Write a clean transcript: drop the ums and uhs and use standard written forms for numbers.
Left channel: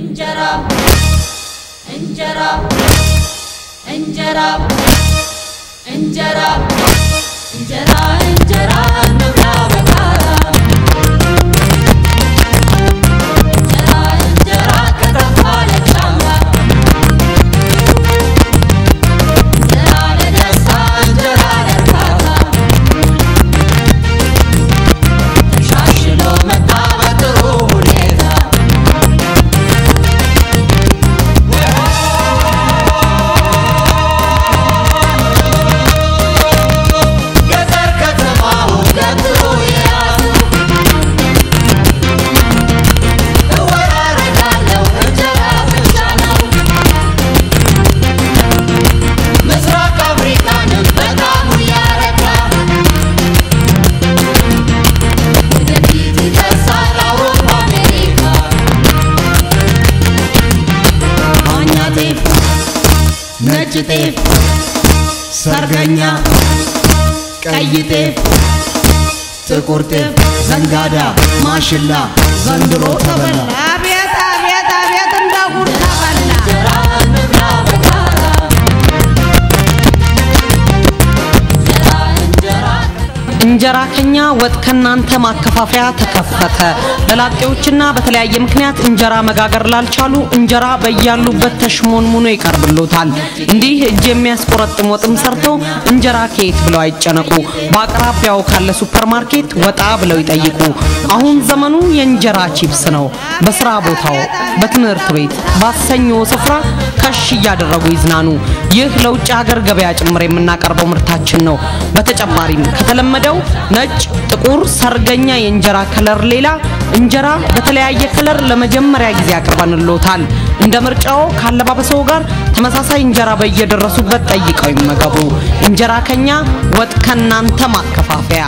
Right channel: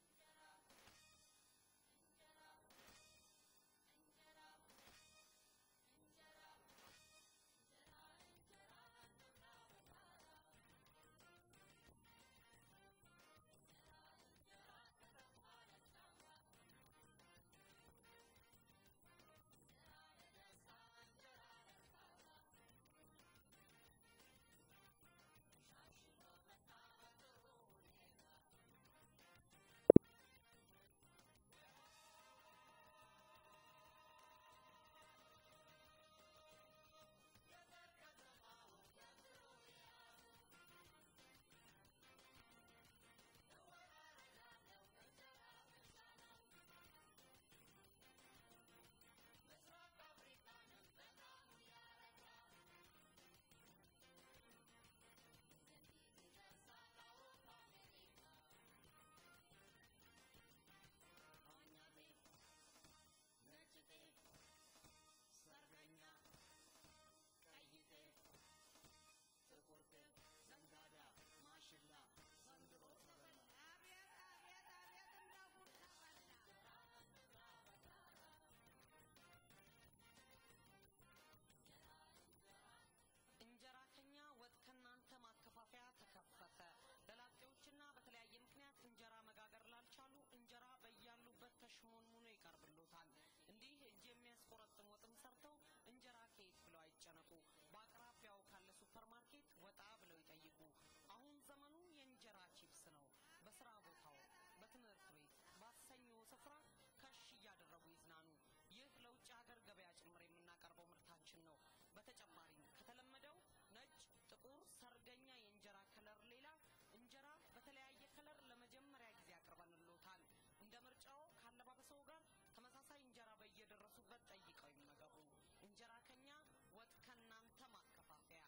انجرا انجرا انجرا انجرا انجرا انجرا نبلا بكارا انجرا انجرا كتفال الشامة انجرا لدسا انجرا لركاتا تشاشلو متابت روح ليدا نجتيف سرغنيا قيتيف تقرتيف زنغادا ماشلا زندرو تبلا ابيت ابيت ابيت እንዳጉር ተበላ እንጀራ ከኛ ወጥ ከናንተ ማከፋፈያ ተከፈተ ለላጤዎችና በተለያየ ምክንያት እንጀራ መጋገር ላልቻሉ እንጀራ በያሉበት ተሽሞንሙኖ ይቀርብሎታል እንዲህ እጅ የሚያስቆረጥም ወጥም ሰርቶ እንጀራ ከየት ብለው አይጨነቁ በአቅራቢያው ካለ ሱፐርማርኬት ወጣ ብለው ይጠይቁ አሁን ዘመኑ የእንጀራ ቺፕስ ነው በስራ ቦታው በትምህርት ቤት ባሰኞ ስፍራ ከሽ ያደረጉ ይዝናኑ ይህ ለውጭ ሀገር ገበያ ጭምር የምናቀርበው ምርታችን ነው በተጨማሪም ከተለመደው ነጭ ጥቁር ሰርገኛ የእንጀራ ከለር ሌላ እንጀራ በተለያየ ከለር ለመጀመሪያ ጊዜ አቅርበንሎታል እንደ ምርጫው ካለባበሰው ጋር ተመሳሳይ እንጀራ በየደረሱበት ጠይቀው ይመገቡ እንጀራ ከኛ ወጥ ከናንተ ማከፋፈያ